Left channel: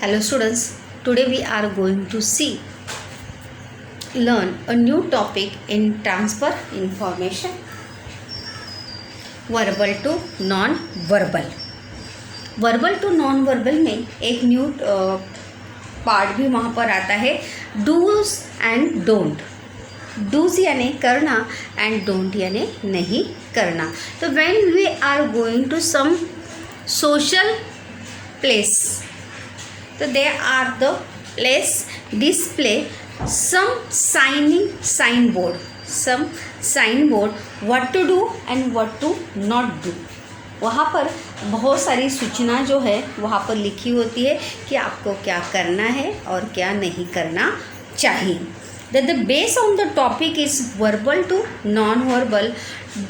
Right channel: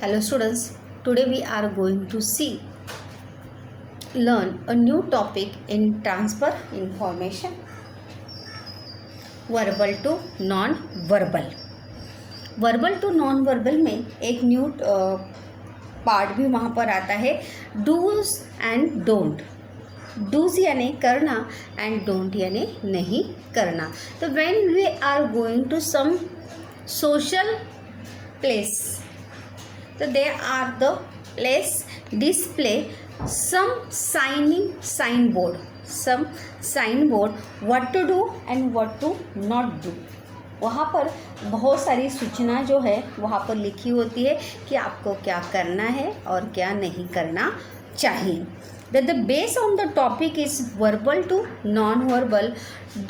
Hello students, today we are going to learn a new topic in transfer information, verbal to non-verbal. Verbal to non verbal में एक new part भी वहाँ पर आता है, dos and don't. Dos यानी करना एंड डोंट यानी नहीं करना. तो when we are going to some social place, so they are the place display some signboard what to do and what to not do. वहाँ पर बहुत सारी सूचना जो है वहाँ पर लिखी होती है कि आपको क्या करना है और क्या नहीं करना चाहिए. The base on the topic is verbal to non-verbal,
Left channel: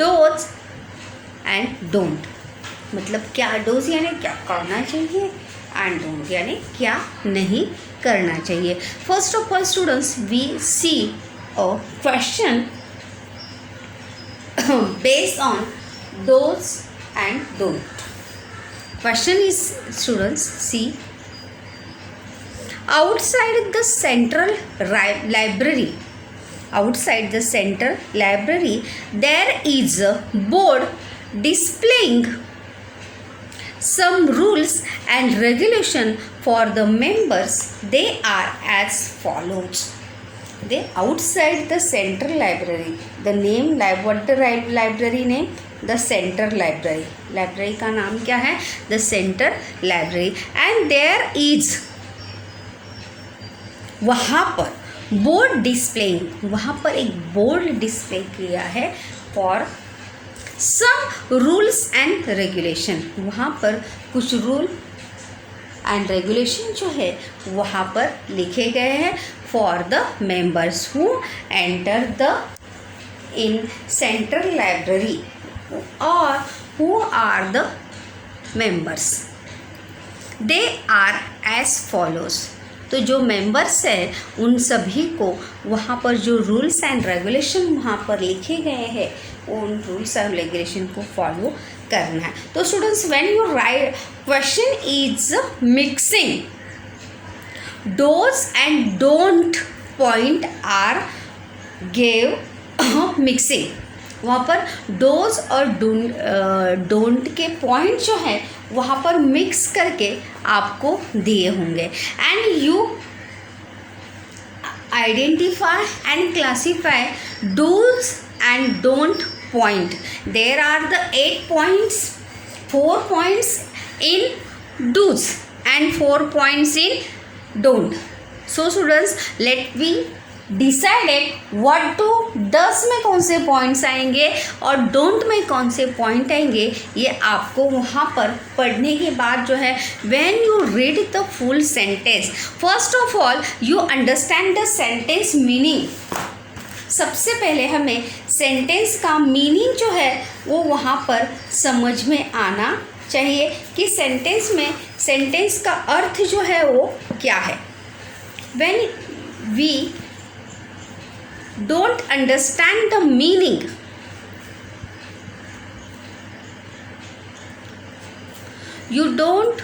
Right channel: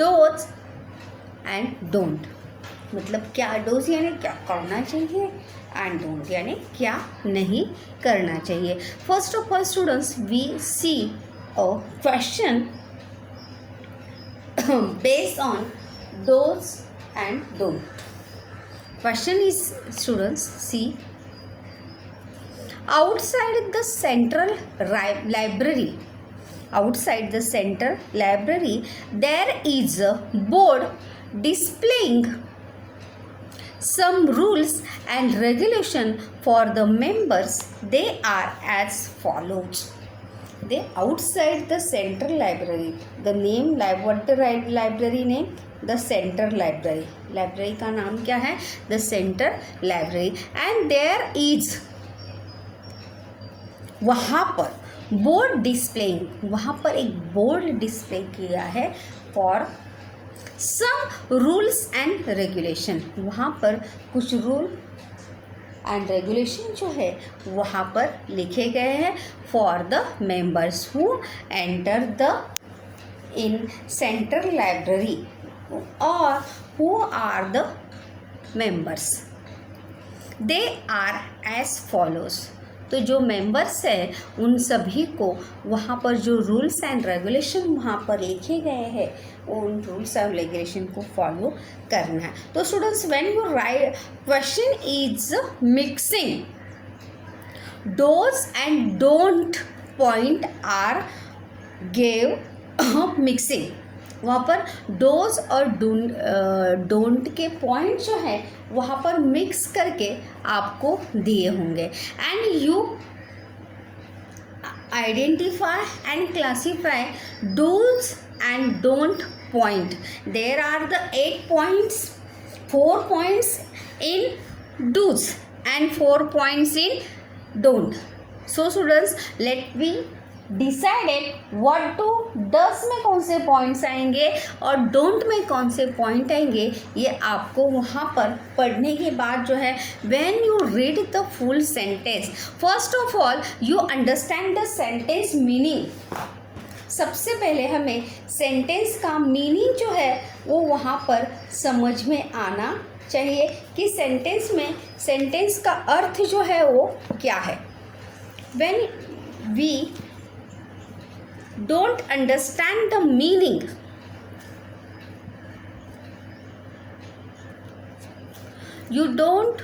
do's and don't. मतलब क्या डोज यानी क्या करना चाहिए एंड डोंट यानी क्या नहीं करना चाहिए. First of all students, we see a question based on do's and don't. Question is, students, see, outside the central library there is a board displaying some rules and regulation for the members. They are as follows. They outside the central library. The name, what the library name? The central library. Library का नाम क्या है? The central library. And there is, वहाँ पर board displaying, वहाँ पर एक board display किया है for some rules and regulation. वहाँ पर कुछ रूल एंड रेगुलेशन जो है वहाँ पर लिखे गए हैं for the members who enter the in central library और who are the members. They are as follows. तो जो मेंबर्स हैं उन सभी को वहाँ पर जो रूल्स एंड रेगुलेशन वहाँ पर लिखे गए हैं उन रूल्स एंड रेगुलेशन को फॉलो करना है. तो students, when you write question is mixing do's and don't point are gave mixing. वहाँ पर डोज और डोंट के पॉइंट जो हैं वहाँ पर मिक्स करके आपको दिए होंगे. And you identify and classify do's and don't point. There are the 8 points, 4 points in do's and 4 points in don't. So students, let me decide what to does में कौन से points आएंगे और don't में कौन से point आएंगे. ये आपको वहाँ पर पढ़ने के बाद जो है when you read the full sentence, first of all you understand the sentence meaning. सबसे पहले हमें सेंटेंस का मीनिंग जो है वो वहाँ पर समझ में आना चाहिए कि सेंटेंस में सेंटेंस का अर्थ जो है वो क्या है. When we don't understand the meaning, you don't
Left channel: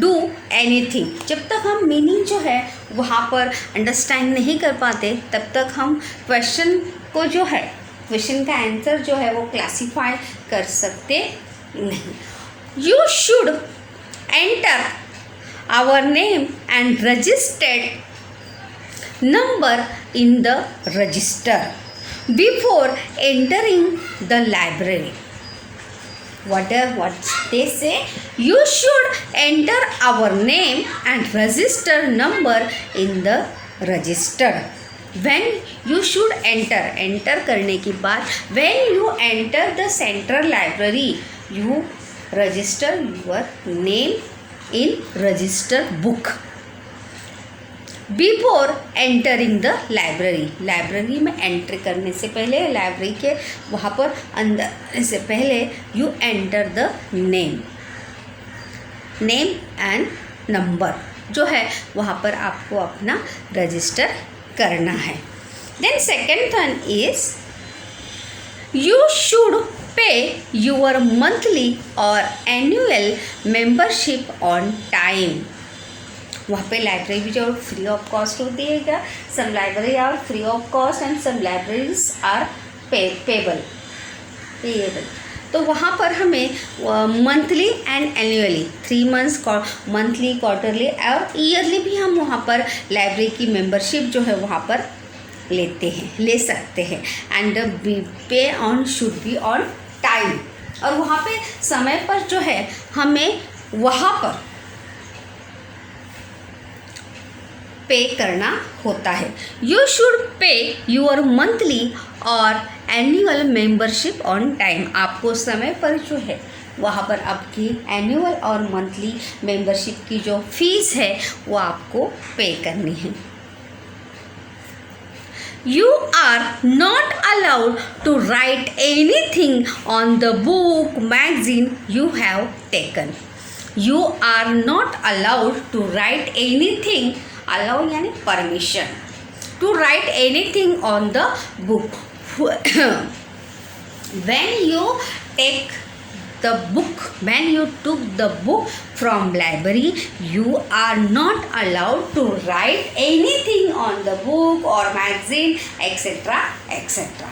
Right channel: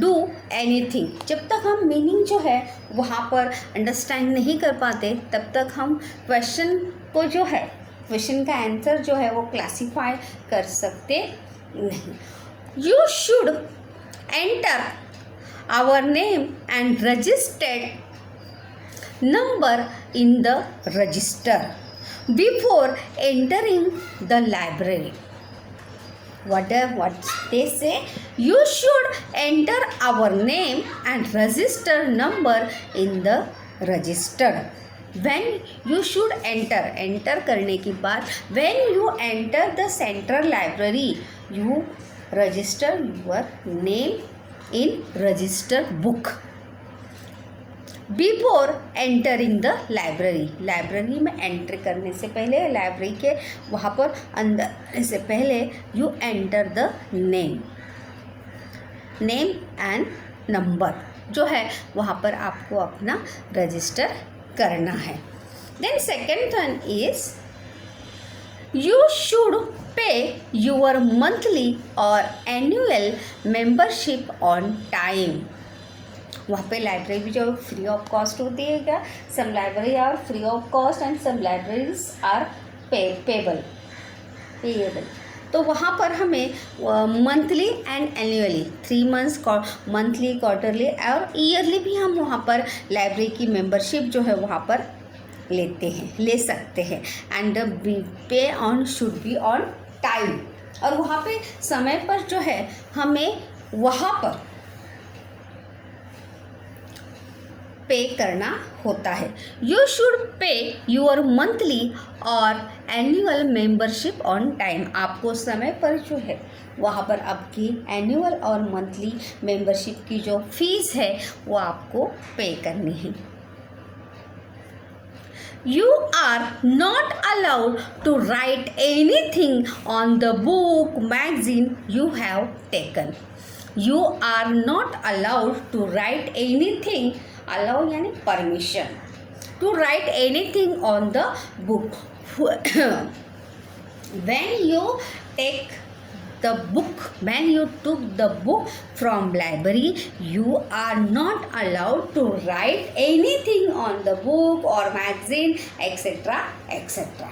do anything. जब तक हम मीनिंग जो है वहाँ पर अंडरस्टैंड नहीं कर पाते तब तक हम क्वेश्चन को जो है क्वेश्चन का आंसर जो है वो क्लासीफाई कर सकते नहीं. You should enter our name and registered number in the register before entering the library. what they say, you should enter our name and register number in the register. When you should enter करने के बाद when you enter the central library you register your name in register book before entering the library. Library में entry करने से पहले, library के वहाँ पर अंदर से पहले you enter the name and number जो है वहाँ पर आपको अपना रजिस्टर करना है. Then second one is you should pay your monthly और एनुअल मेंबरशिप ऑन टाइम। वहाँ पे लाइब्रेरी भी जो फ्री ऑफ कॉस्ट होती है क्या, some library are free of cost and some libraries are payable. तो वहाँ पर हमें monthly and annually 3 months monthly, quarterly और ईयरली भी हम वहाँ पर लाइब्रेरी की मेंबरशिप जो है वहाँ पर ले सकते हैं। एंड पे on should be on time, और वहाँ पे समय पर जो है हमें वहाँ पर पे करना होता है। You should pay your monthly और एनुअल मेंबरशिप ऑन टाइम। आपको समय पर जो है वहाँ पर आपकी एनुअल और मंथली मेंबरशिप की जो फीस है वो आपको पे करनी है। You are not allowed to write anything on the book, magazine you have taken. You are not allowed to write anything. Allow यानी permission. To write anything on the book. When you took the book from library, you are not allowed to write anything on the book or magazine, etc. etc.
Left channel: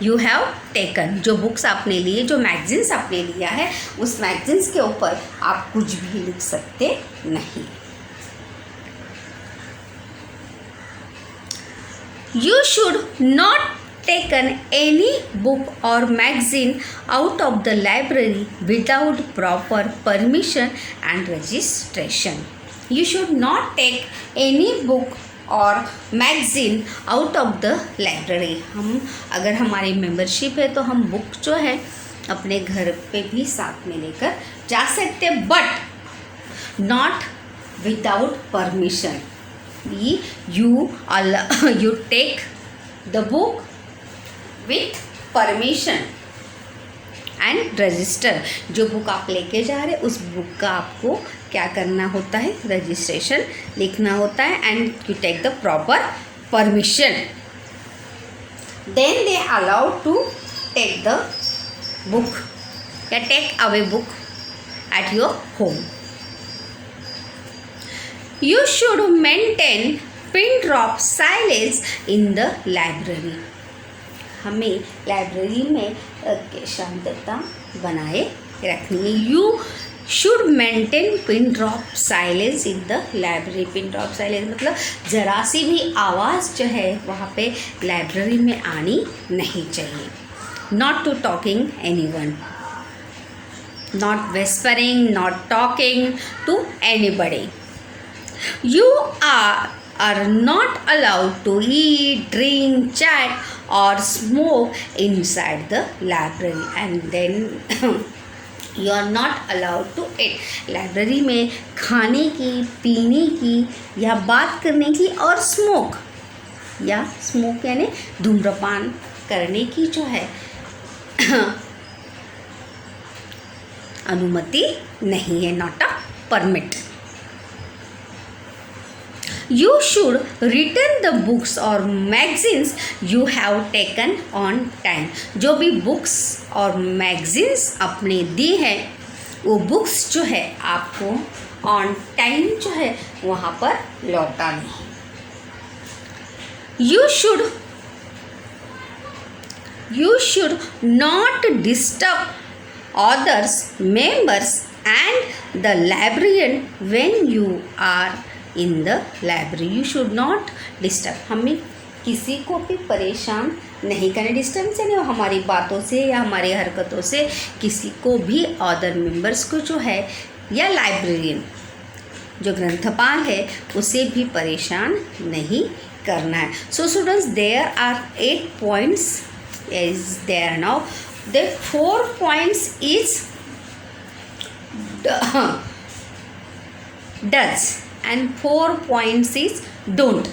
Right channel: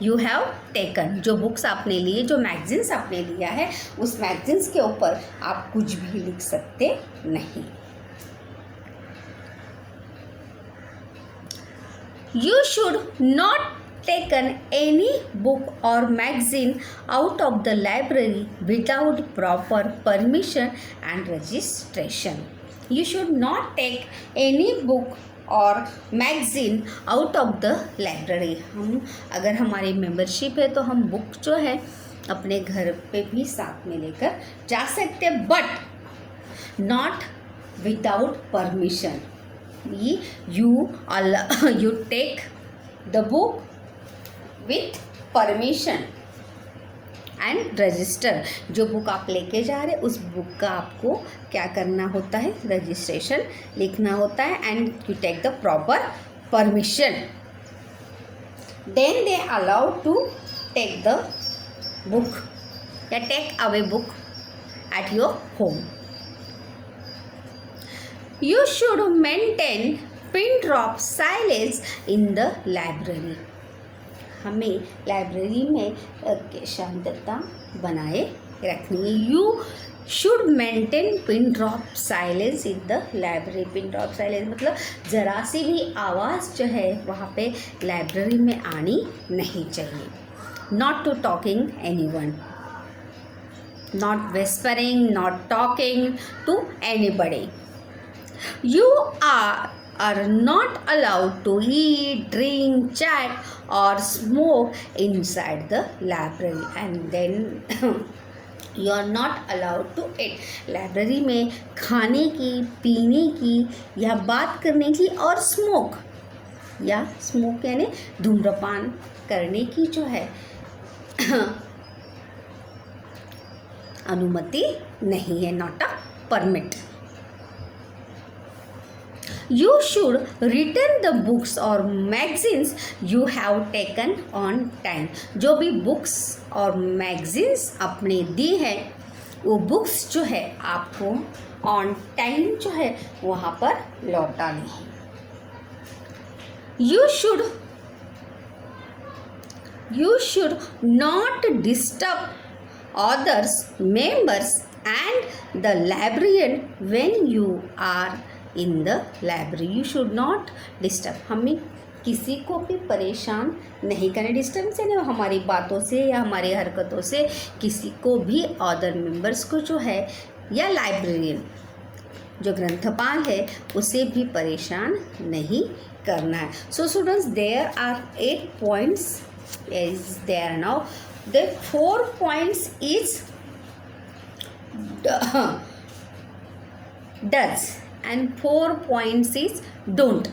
You have taken, जो books आपने लिए, जो magazines आपने लिया है, उस magazines के ऊपर आप कुछ भी लिख सकते नहीं। You should not taken any book or magazine out of the library without proper permission and registration. You should not take any book और magazine out of the library. हम अगर हमारी मेंबरशिप है तो हम बुक जो है अपने घर पे भी साथ में लेकर जा सकते, but not without permission. you take the book with permission and register। जो बुक आप लेके जा रहे उस बुक का आपको क्या करना होता है, रजिस्ट्रेशन लिखना होता है, and you take the proper permission, then they allowed to take the book या take away book at your home. You should maintain pin drop silence in the library. हमें लाइब्रेरी में शांतता बनाए रखनी है। You should maintain pin drop silence in the library. pin drop silence मतलब ज़रा सी भी आवाज़ जो है वहाँ पे लाइब्रेरी में आनी नहीं चाहिए। Not to talking anyone. Not whispering, not talking to anybody. You are not allowed to eat, drink, chat or smoke inside the library, and then you are not allowed to eat. Library में खाने की, पीने की या बात करने की और स्मोक यानी धूम्रपान करने की जो है अनुमति नहीं है, not a permit. You should return the books or magazines you have taken on time. जो भी बुक्स और मैगजीन्स आपने दी है वो बुक्स जो है आपको ऑन टाइम जो है वहाँ पर लौटानी है। You should not disturb others, members and the librarian when you are in the library. You should not disturb. हमें किसी को भी परेशान नहीं करना। डिस्टर्ब से नहीं, हमारी बातों से या हमारी हरकतों से किसी को भी अदर मेंबर्स को जो है या लाइब्रेरियन जो ग्रंथपाल है उसे भी परेशान नहीं करना है। So students, there are 8 points is there now. The 4 points is does and 4 points is don't.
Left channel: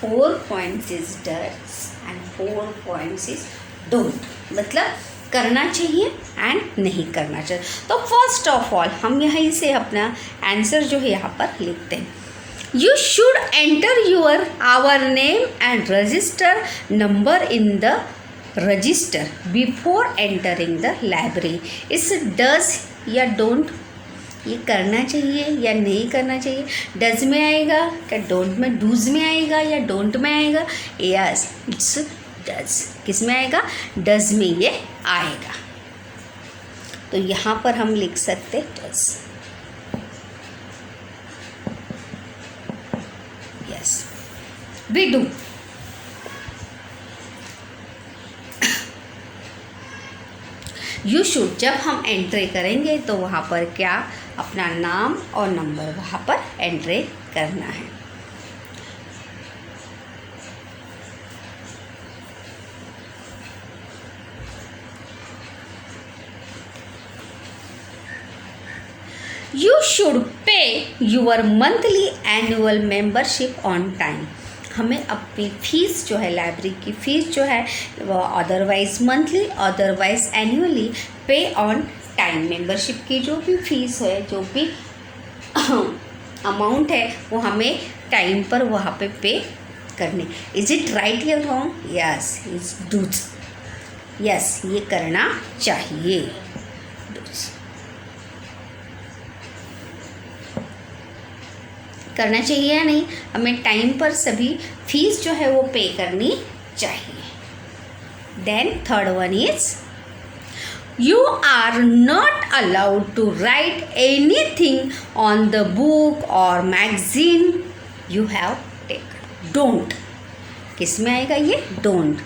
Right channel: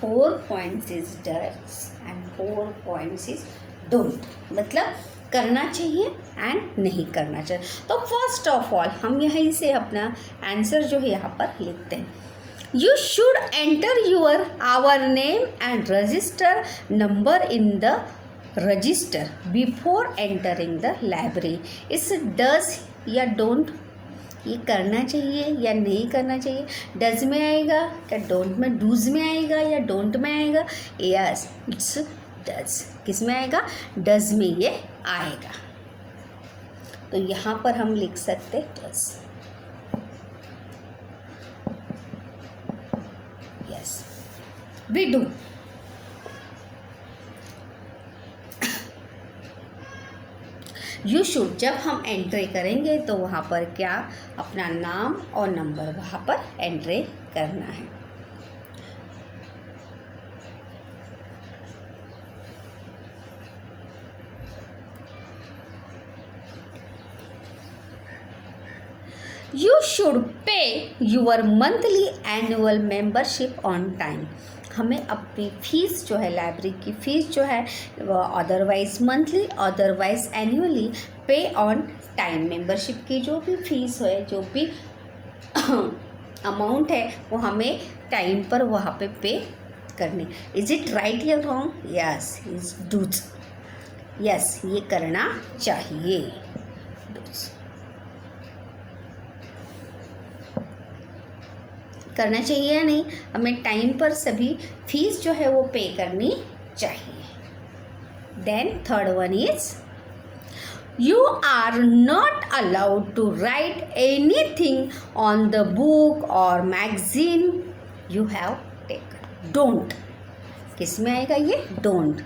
4 points is does and 4 points is don't. मतलब करना चाहिए एंड नहीं करना चाहिए। तो फर्स्ट ऑफ ऑल हम यहीं से अपना आंसर जो है यहाँ पर लिखते हैं। You should enter our name and register number in the register before entering the library. इस डज या डोंट ये करना चाहिए या नहीं करना चाहिए? डज में आएगा क्या डोंट में? डूज में आएगा या डोंट में आएगा? Yes, it's does. किस में आएगा? डज में ये आएगा। तो यहाँ पर हम लिख सकते do's. Yes, we do. You should, जब हम एंट्री करेंगे तो वहाँ पर क्या अपना नाम और नंबर वहाँ पर एंट्री करना है। You should pay your monthly annual membership on time. हमें अपनी फीस जो है, लाइब्रेरी की फ़ीस जो है, अदरवाइज मंथली अदरवाइज एनुअली पे ऑन टाइम। मेंबरशिप की जो भी फीस है, जो भी अमाउंट है, वो हमें टाइम पर वहाँ पे करने। इज इट राइट या wrong? Yes, is do's. Yes, ये करना चाहिए। डूज करना चाहिए या नहीं? हमें टाइम पर सभी फीस जो है वो पे करनी चाहिए। Then third one is you are not allowed to write anything on the book और magazine you have taken. Don't किस में आएगा? ये डोंट।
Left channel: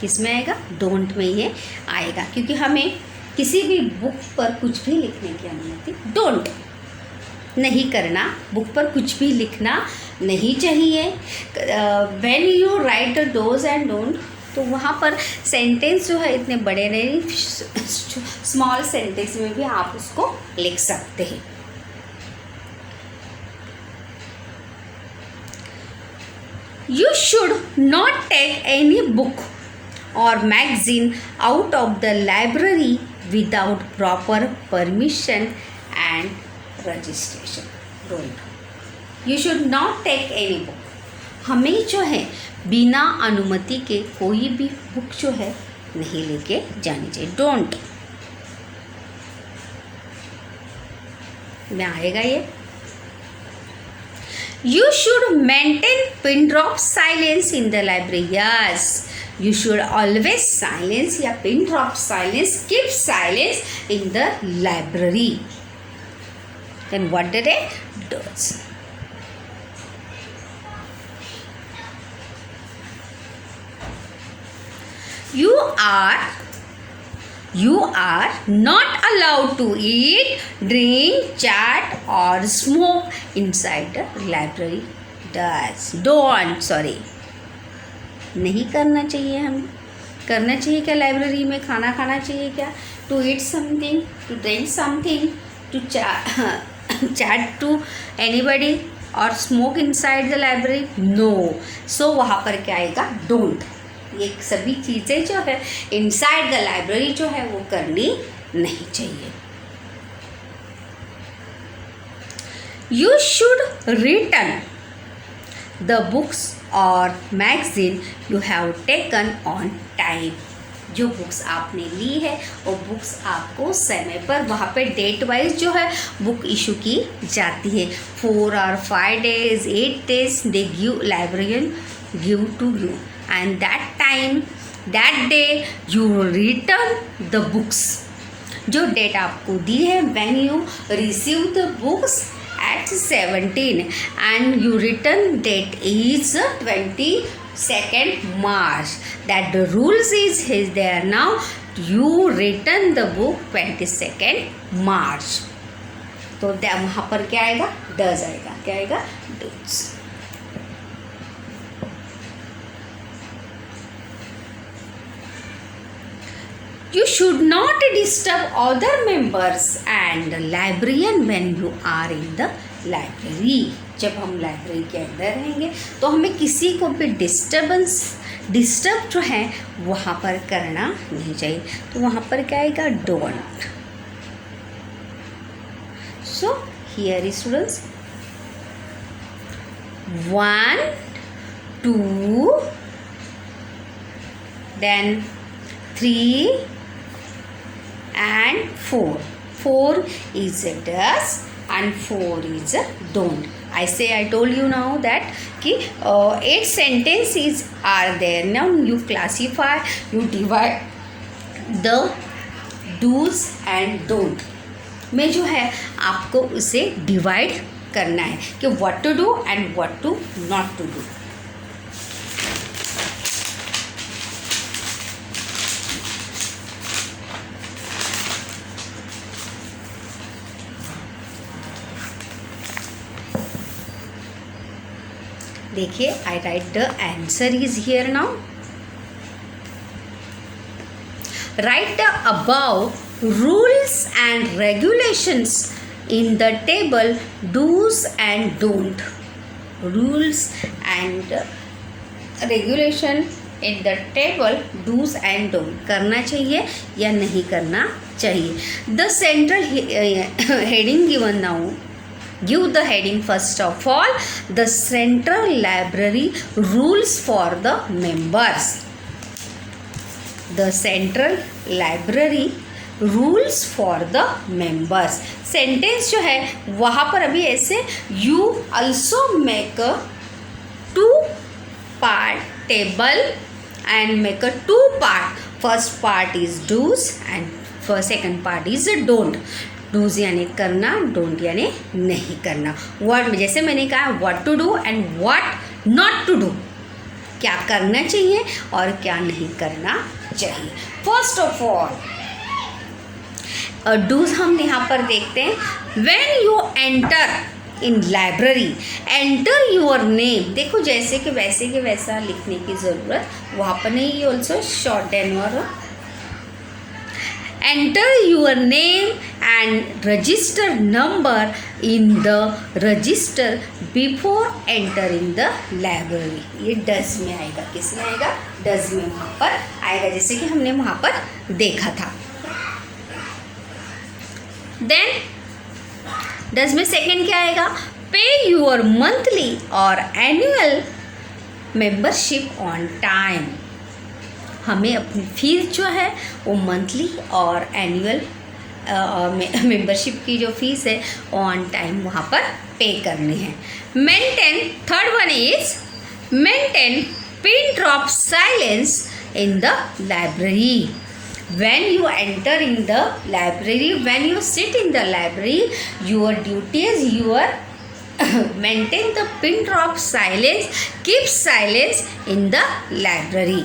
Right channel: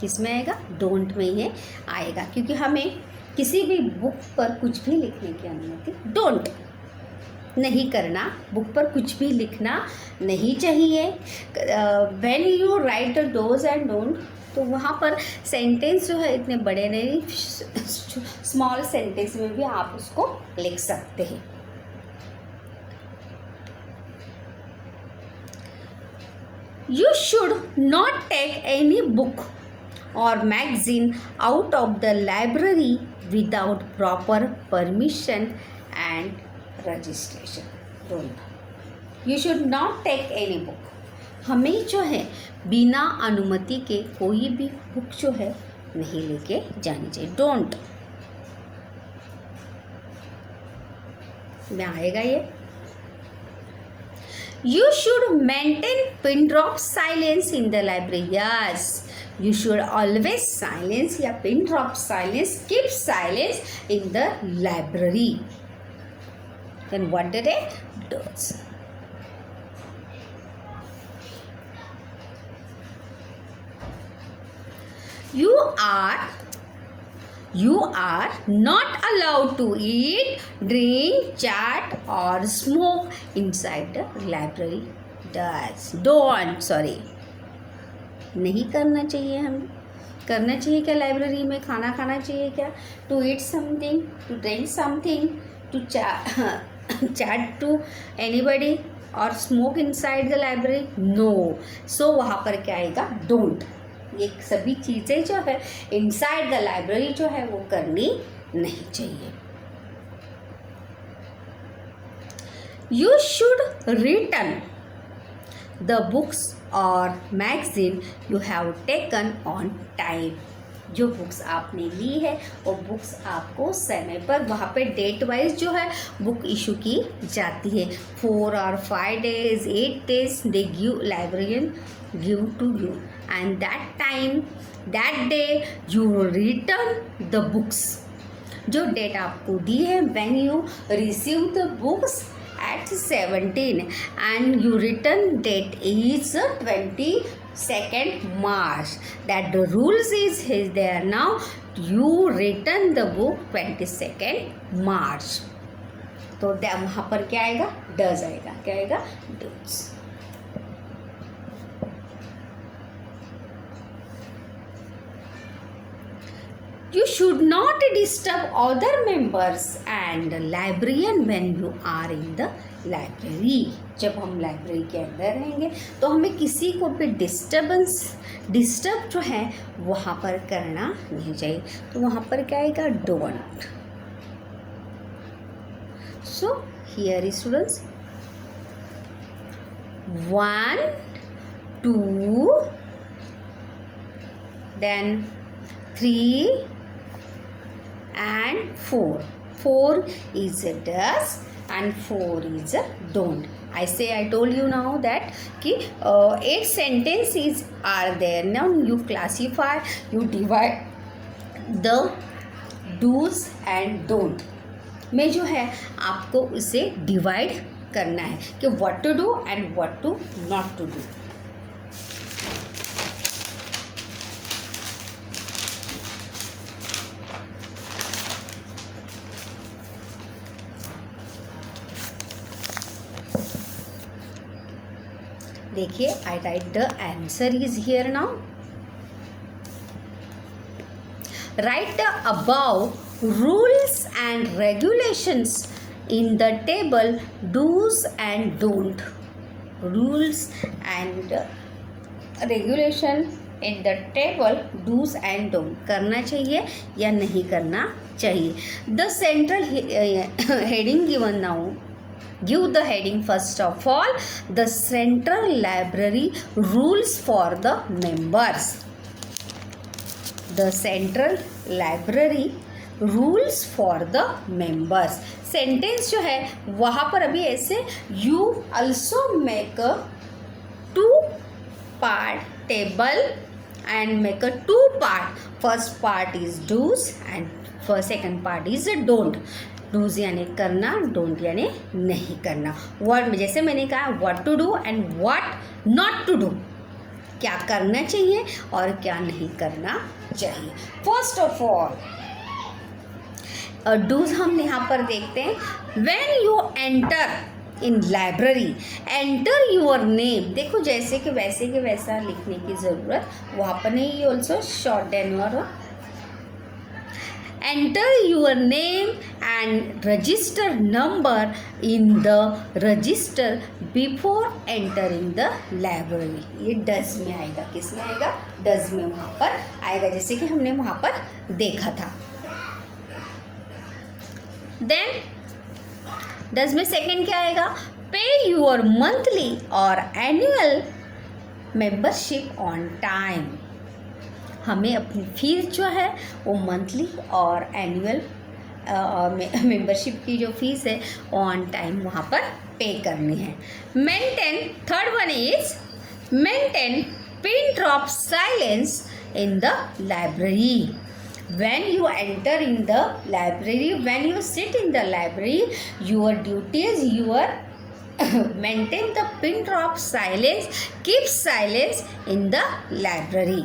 किस में आएगा? डोंट में ये आएगा, क्योंकि हमें किसी भी बुक पर कुछ भी लिखने की अनुमति डोंट नहीं करना। बुक पर कुछ भी लिखना नहीं चाहिए। When you right dose and don't, तो वहाँ पर सेंटेंस जो है इतने बड़े नहीं, स्मॉल सेंटेंस में भी आप उसको लिख सकते हैं। You should not take any book or magazine out of the library without proper permission and registration. Don't. You should not take any book. हमें जो है बिना अनुमति के कोई भी बुक जो है नहीं लेके जानी चाहिए। डोंट में आएगा ये। You should maintain pin drop silence in the library. Yes. You should always silence या pin drop silence, keep silence in the library. Then what did it does? You are not allowed to eat, drink, chat or smoke inside the library. Don't. नहीं करना चाहिए। हमें करना चाहिए क्या? Library में खाना खाना चाहिए क्या? To eat something, to drink something, to chat to anybody और smoke inside the library? No. So वहाँ पर क्या आएगा? डोंट। ये सभी चीज़ें जो है इनसाइड द लाइब्रेरी जो है वो करनी नहीं चाहिए। You should return the books और magazine you have taken on time. जो बुक्स आपने ली है वो बुक्स आपको समय पर वहाँ पे डेट वाइज जो है बुक इशू की जाती है। 4 or 5 days, 8 days they give librarian give to you and that time that day you return the books. जो डेट आपको दी है when you receive the books at 17 and you return date is 22nd March. That the rules is there now. You return the book 22nd March. तो वहाँ पर क्या आएगा? does आएगा। क्या आएगा? does. You should not disturb other members and librarian when you are in the library. जब हम लाइब्रेरी के अंदर रहेंगे तो हमें किसी को भी डिस्टर्ब जो है वहाँ पर करना नहीं चाहिए। तो वहाँ पर क्या आएगा? Don't. So here is students 1 2, then 3 and 4. 4 is a does and 4 is a don't. I told you now that कि 8 sentences are there. Now you classify, you divide the do's and don't में जो है आपको उसे divide करना है कि what to do and what to not to do. देखिए I write the answer is here now. Write the above rules and regulations in the table do's and don't. Rules and regulation in the table do's and don't. करना चाहिए या नहीं करना चाहिए. The central heading given now. Give the heading first of all. The central library rules for the members. The central library rules for the members. Sentence जो है वहाँ पर अभी ऐसे you also make a 2-part table and make a 2-part. First part is do's and second part is don't. Do's यानी करना, don't यानी नहीं करना. वर्ड में जैसे मैंने कहा what to do and what not to do, क्या करना चाहिए और क्या नहीं करना चाहिए. फर्स्ट ऑफ ऑल डूज हम यहाँ पर देखते हैं. When you enter in library, enter your name. देखो जैसे कि वैसे के वैसा लिखने की ज़रूरत वहाँ पर नहीं. Also short and your enter your name and register number in the register before entering the library. ये does में आएगा. किस में आएगा? does में वहाँ पर आएगा, जैसे कि हमने वहाँ पर देखा था. then does में second क्या आएगा? pay your monthly or annual membership on time. हमें अपनी फीस जो है वो मंथली और एनुअल मेंबरशिप की जो फीस है ऑन टाइम वहाँ पर पे करनी है. Maintain, third one is maintain pin drop silence in the library. when you enter in the library, when you sit in the library, your duties, your maintain the pin drop silence, keep silence in the library.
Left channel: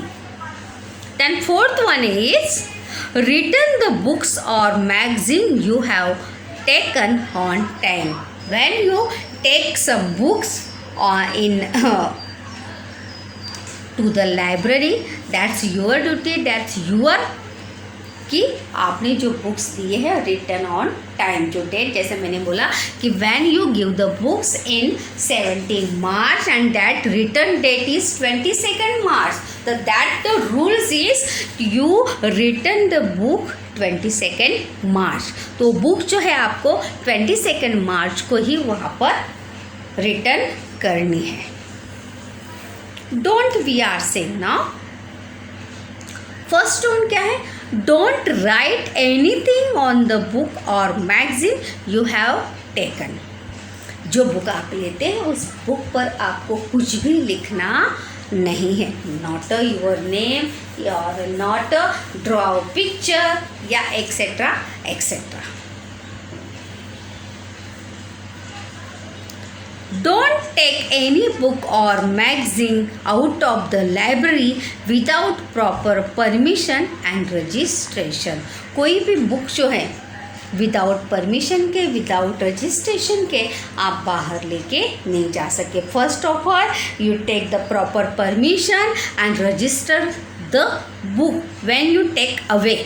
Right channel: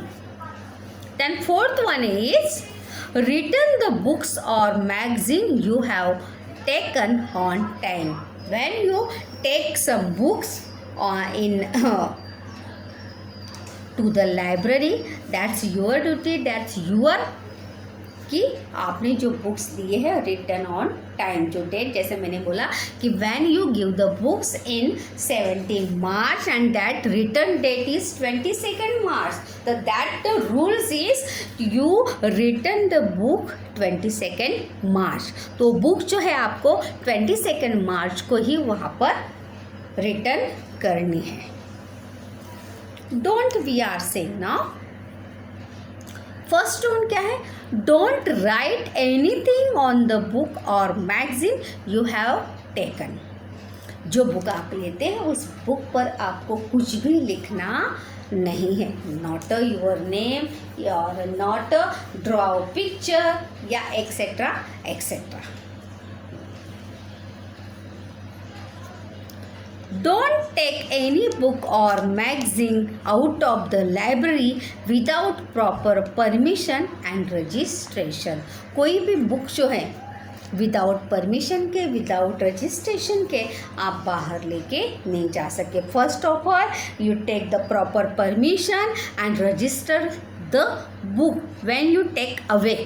Then fourth one is return the books or magazine you have taken on time. When you take some books to the library, that's your duty, that's your कि आपने जो books दिए हैं return on time. जो date जैसे मैंने बोला कि when you give the books in 17 March and that return date is 22 March, तो that the rules is you return the book 22 March. तो बुक जो है आपको 22 मार्च को ही वहाँ पर रिटर्न करनी है. Don't we are saying now. First don't क्या है? Don't write anything on the book or magazine you have taken. जो बुक आप लेते हैं उस बुक पर आपको कुछ भी लिखना नहीं है. नॉट योर नेम और नॉट ड्रॉ पिक्चर या etcetera etcetera. Don't take any book or magazine out of the library without proper permission and registration. कोई भी बुक जो है विदाउट परमिशन के, विदाउट रजिस्ट्रेशन के आप बाहर लेके नहीं जा सके. First of all you take the proper permission and register the book when you take away.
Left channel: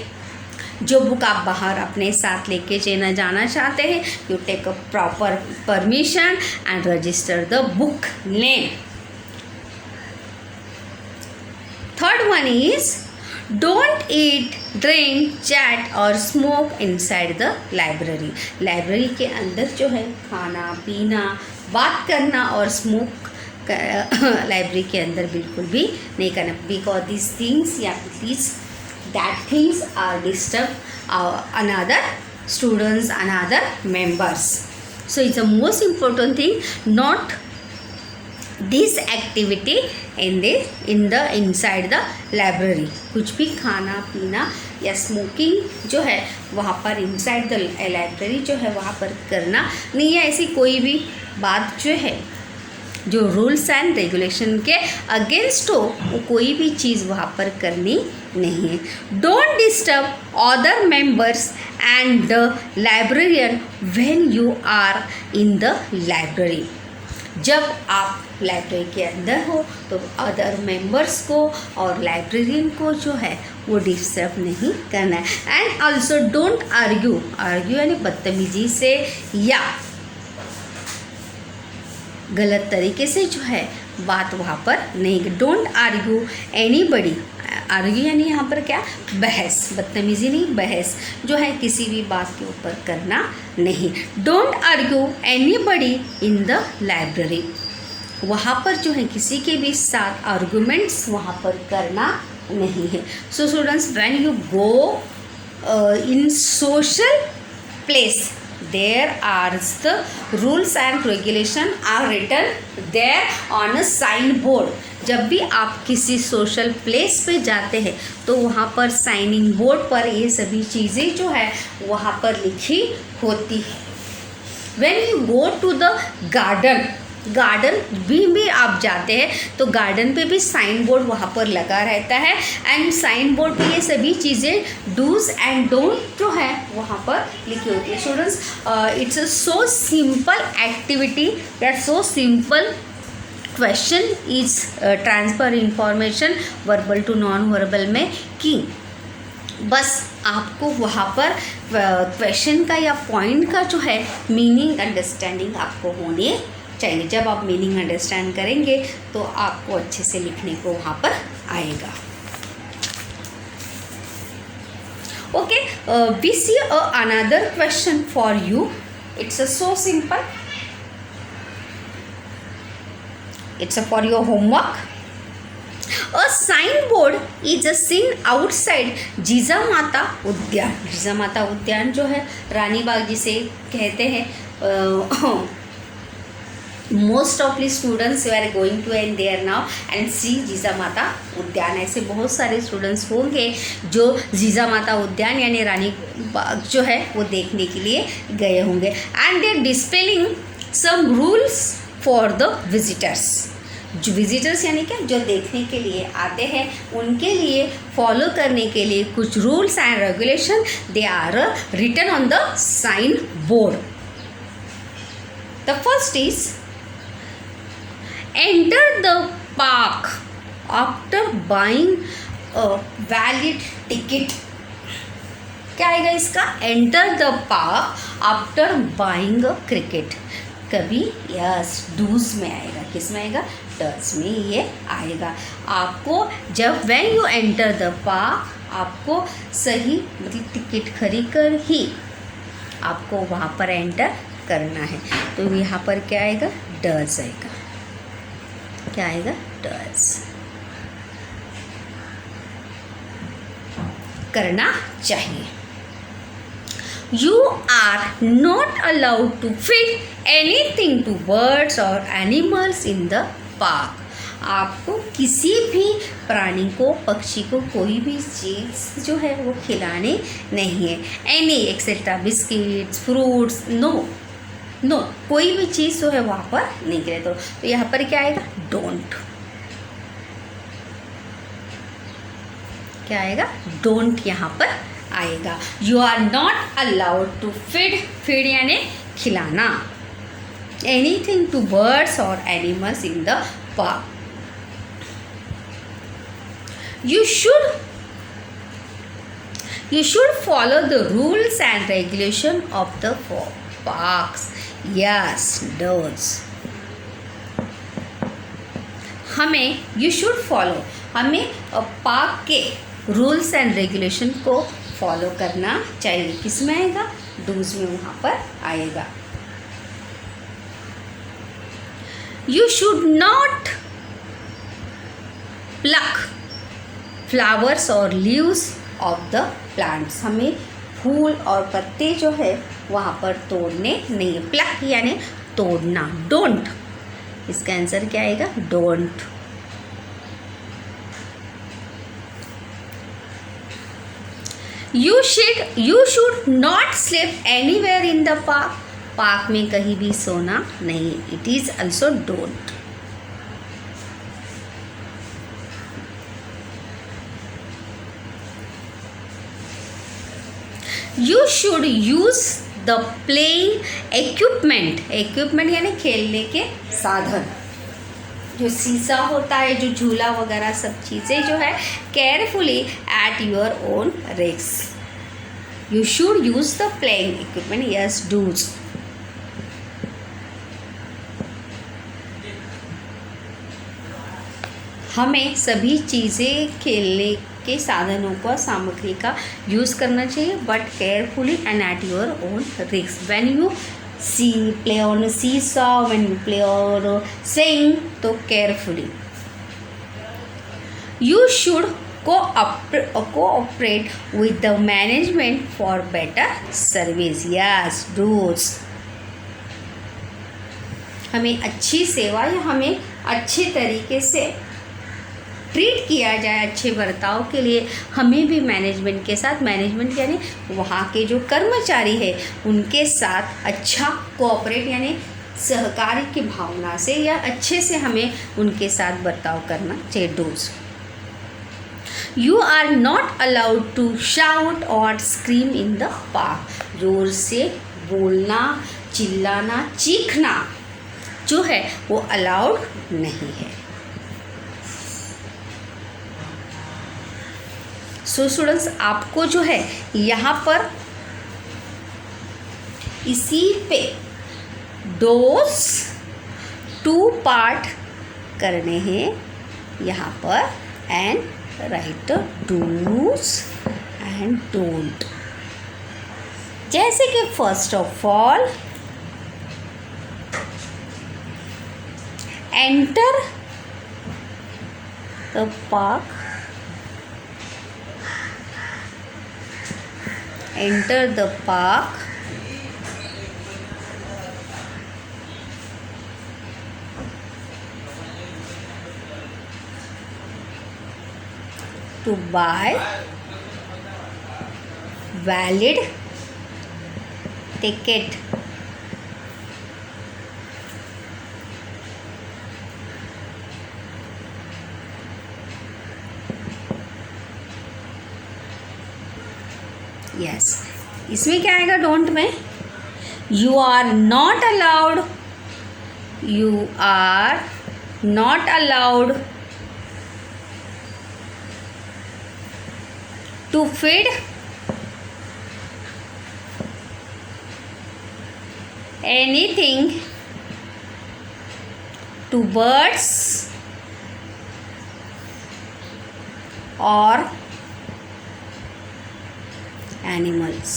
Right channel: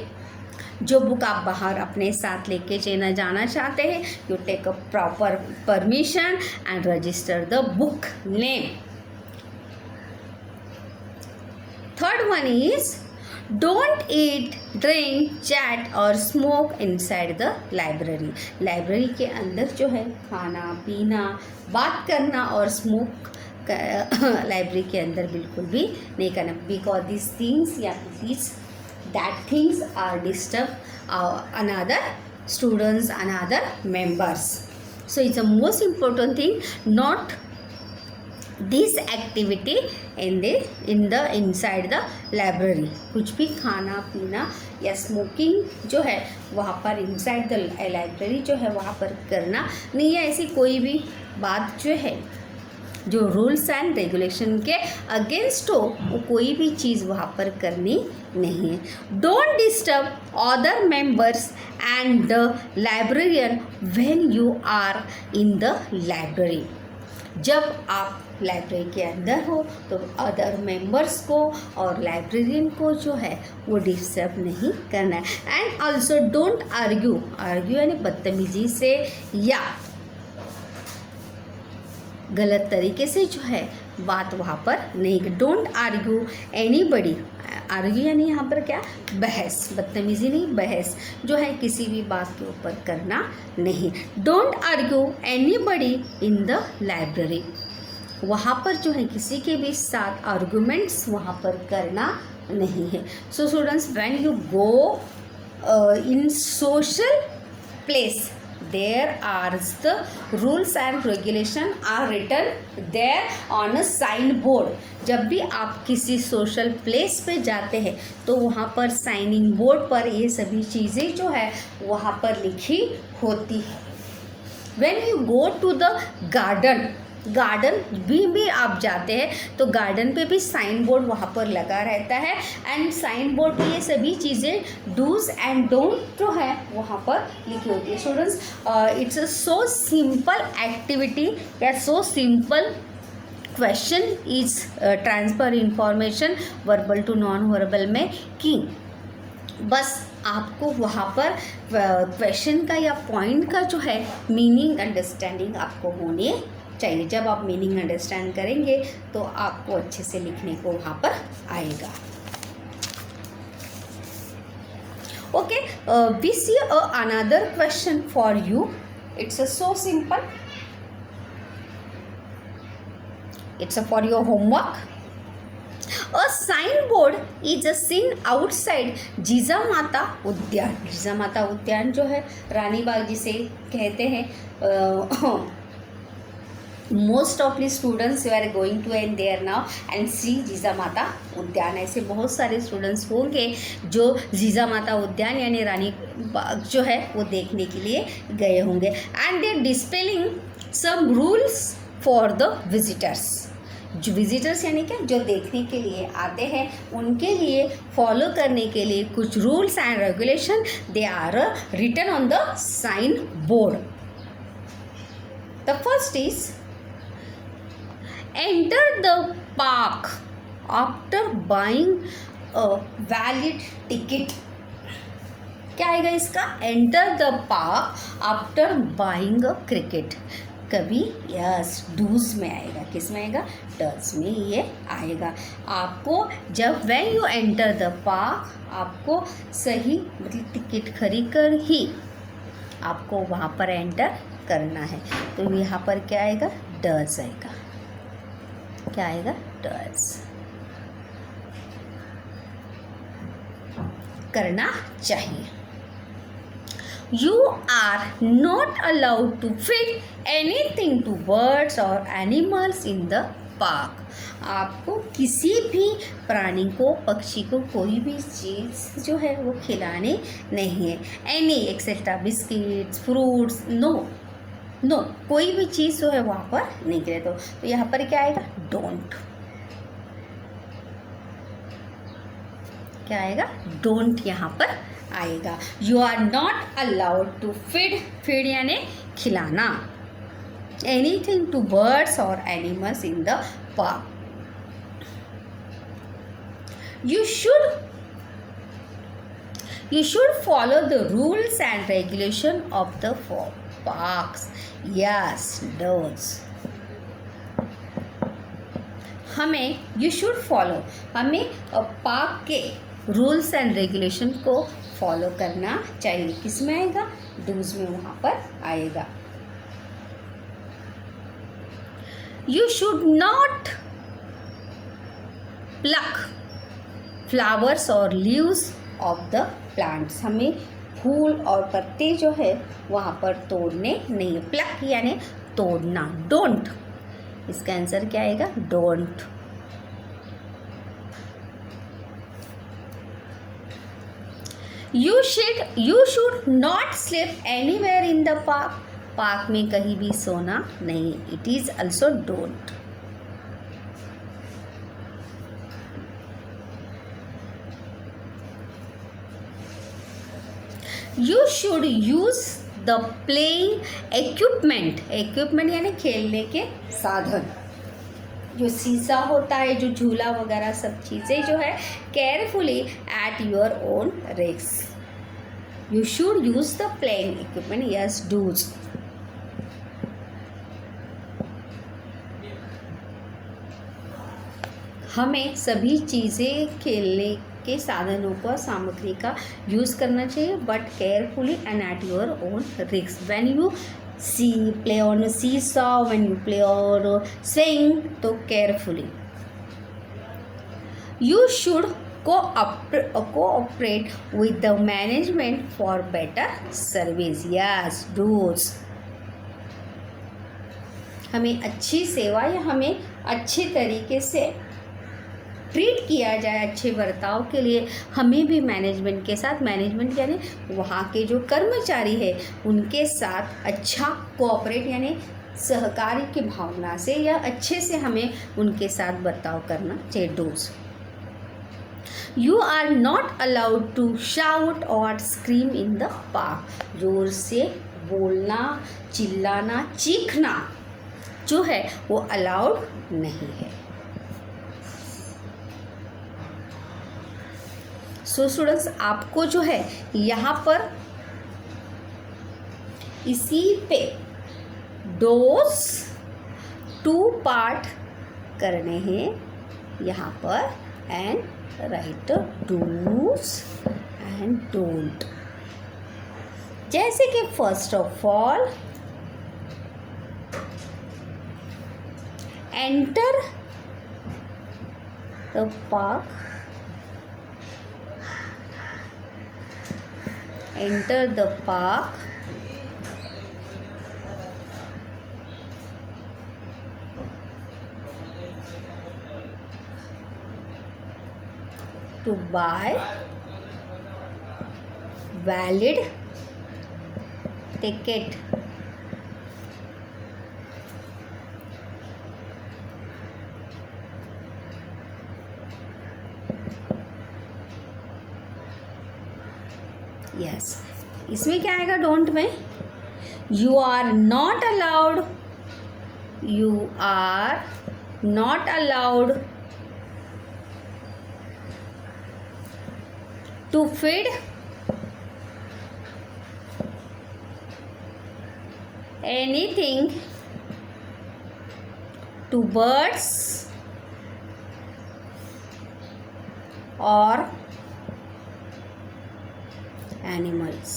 जो बुक आप बाहर अपने साथ लेके जाना चाहते हैं, you take a proper permission and register the book name. Third one is don't eat, drink, chat और smoke inside the library. Library के अंदर जो है खाना पीना, बात करना और स्मोक लाइब्रेरी के अंदर बिल्कुल भी नहीं करना, बिकॉज दिस थिंग्स या please that things are disturb another students and other members. So it's the most important thing, not this activity in the inside the library. कुछ भी खाना पीना या स्मोकिंग जो है वहाँ पर इनसाइड द लाइब्रेरी जो है वहाँ पर करना नहीं है। ऐसी कोई भी बात जो है जो रूल्स एंड रेगुलेशन के अगेंस्ट हो वो कोई भी चीज़ वहाँ पर करनी नहीं है। Don't disturb other members and the librarian when you are in the library. जब आप लाइब्रेरी के अंदर हो तो अदर मेंबर्स को और लाइब्रेरियन को जो है वो डिस्टर्ब नहीं करना है। And also don't argue, argue यानी बदतमीजी से या गलत तरीके से जो है बात वहाँ पर नहीं। डोंट आर्ग्यू एनीबडी, आर्ग्यू यानी यहाँ पर क्या, बहस, बदतमीजी नहीं, बहस जो है किसी भी बात के ऊपर करना नहीं। Don't argue anybody in the library, वहाँ पर जो है किसी के भी साथ आर्गूमेंट्स वहाँ पर करना नहीं है। So students, when you go in social place, there are the rules and regulation are written there on a sign board. जब भी आप किसी सोशल प्लेस पे जाते हैं तो वहाँ पर साइनिंग बोर्ड पर ये सभी चीज़ें जो है वहाँ पर लिखी होती है। When you go to the garden, garden भी आप जाते हैं तो गार्डन पे भी साइन बोर्ड वहाँ पर लगा रहता है एंड साइन बोर्ड पे ये सभी चीज़ें डूज एंड डोंट जो है वहाँ पर लिखी होती है। Students, it's a so simple activity, that so simple question is transfer information verbal to non verbal में कि बस आपको वहाँ पर क्वेश्चन का या पॉइंट का जो है मीनिंग अंडरस्टैंडिंग आपको होनी चाहिए। जब आप मीनिंग अंडरस्टैंड करेंगे तो आपको अच्छे से लिखने को वहाँ पर आएगा। Okay, we see another question for you. It's so simple, it's for your homework. A signboard is seen outside Jijamata Udyan. Jijamata उद्यान जो है रानी बाग जिसे कहते हैं। Most of the students we are going to and there now and see Jijamata Udyan. ऐसे बहुत सारे students होंगे जो जिजामाता उद्यान यानी रानी बाग जो है वो देखने के लिए गए होंगे। And they displaying some rules for the visitors. जो विजिटर्स यानी क्या, जो देखने के लिए आते हैं उनके लिए फॉलो करने के लिए कुछ rules and regulation they are written on the sign board. The first is enter the park after buying a valid ticket। क्या आएगा इसका, enter the park after buying a cricket। कभी यस डूज में आएगा, किस में आएगा, डज में ये आएगा। आपको जब when you enter the park आपको सही मतलब टिकट खरीद कर ही आपको वहाँ पर एंटर करना है। तो यहाँ पर क्या आएगा, डज आएगा। क्या आएगा, डज। करना चाहिए। You are not allowed to feed anything to birds और एनिमल्स इन द पार्क। आपको किसी भी प्राणी को, पक्षी को कोई भी चीज़ जो है वो खिलाने नहीं है। Any etcetera biscuits, fruits, no कोई भी चीज़ जो है वहाँ पर नहीं गिरे। तो यहाँ पर क्या आएगा, डोंट। क्या आएगा, डोंट यहाँ पर आएगा। You are not allowed to feed यानी खिलाना एनीथिंग टू बर्ड्स और animals in the park. You should follow the rules and regulation of the parks. Yes, does. हमें you should follow, हमें पार्क के रूल्स एंड रेगुलेशन को follow करना चाहिए। किस में आएगा, डूज में वहाँ पर आएगा। You should not pluck flowers or leaves of the plants. हमें फूल और पत्ते जो है वहाँ पर तोड़ने नहीं. प्लक यानी तोड़ना. डोंट, इसका आंसर क्या आएगा? Don't. You should not sleep anywhere in the park. Park में कहीं भी सोना नहीं. It is also don't. You should use the playing equipment. Equipment यानी खेलने के साधन. जो सीसा होता है, जो झूला वगैरह सब चीज़ें जो है carefully at your own risk. You should use the playing equipment. Yes, do's. हमें सभी चीज़ें खेलने के साधनों का, सामग्री का यूज़ करना चाहिए, but carefully and at your own risk. When you play on seesaw, when you play on swing, तो carefully. You should cooperate with the management for better service. Yes, does. हमें अच्छी सेवा या हमें अच्छे तरीके से ट्रीट किया जाए, अच्छे बर्ताव के लिए हमें भी मैनेजमेंट के साथ, मैनेजमेंट यानी वहाँ के जो कर्मचारी है उनके साथ अच्छा कोऑपरेट यानी सहकारी की भावना से या अच्छे से हमें उनके साथ बर्ताव करना चाहिए. Do's. You are not allowed to shout और स्क्रीम इन द पार्क. जोर से बोलना, चिल्लाना, चीखना जो है वो अलाउड नहीं है. सो स्टूडेंट्स, आपको जो है यहाँ पर इसी पे डोज 2 पार्ट करने हैं यहाँ पर. And right do's and don't. जैसे कि first of all enter the park. Enter the park to buy valid ticket. Yes, इसमें क्या आएगा डोंट में? You are not allowed, you are not allowed to feed anything to birds और animals.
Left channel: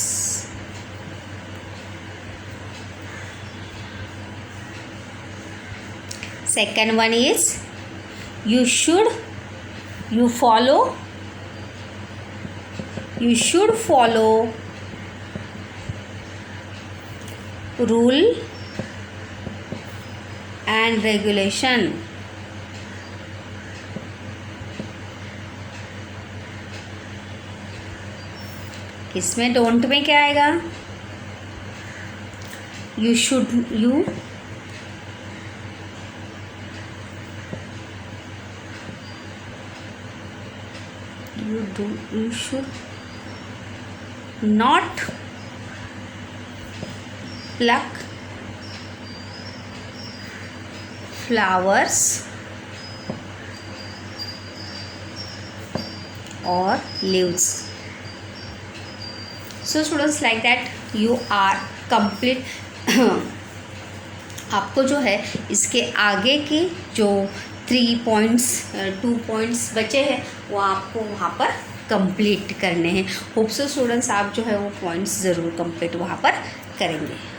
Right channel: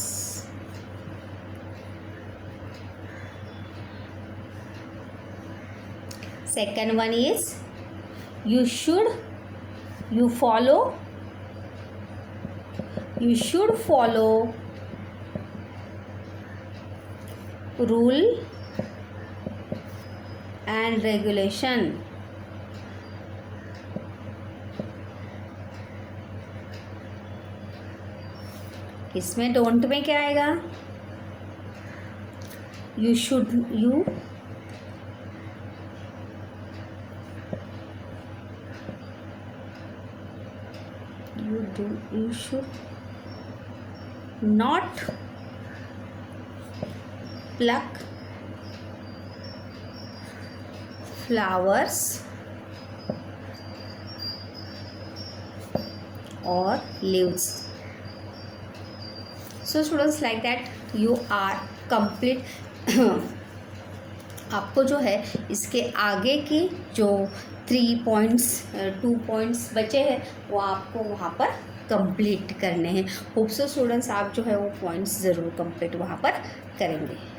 Second one is you should follow rule and regulation. इसमें don't में क्या आएगा? You should not pluck flowers और leaves. So students, like that you are complete. आपको जो है इसके आगे की जो 2 पॉइंट्स बचे हैं वो आपको वहाँ पर कंप्लीट करने हैं. होप सो स्टूडेंट्स आप जो है वो पॉइंट्स ज़रूर कंप्लीट वहाँ पर करेंगे.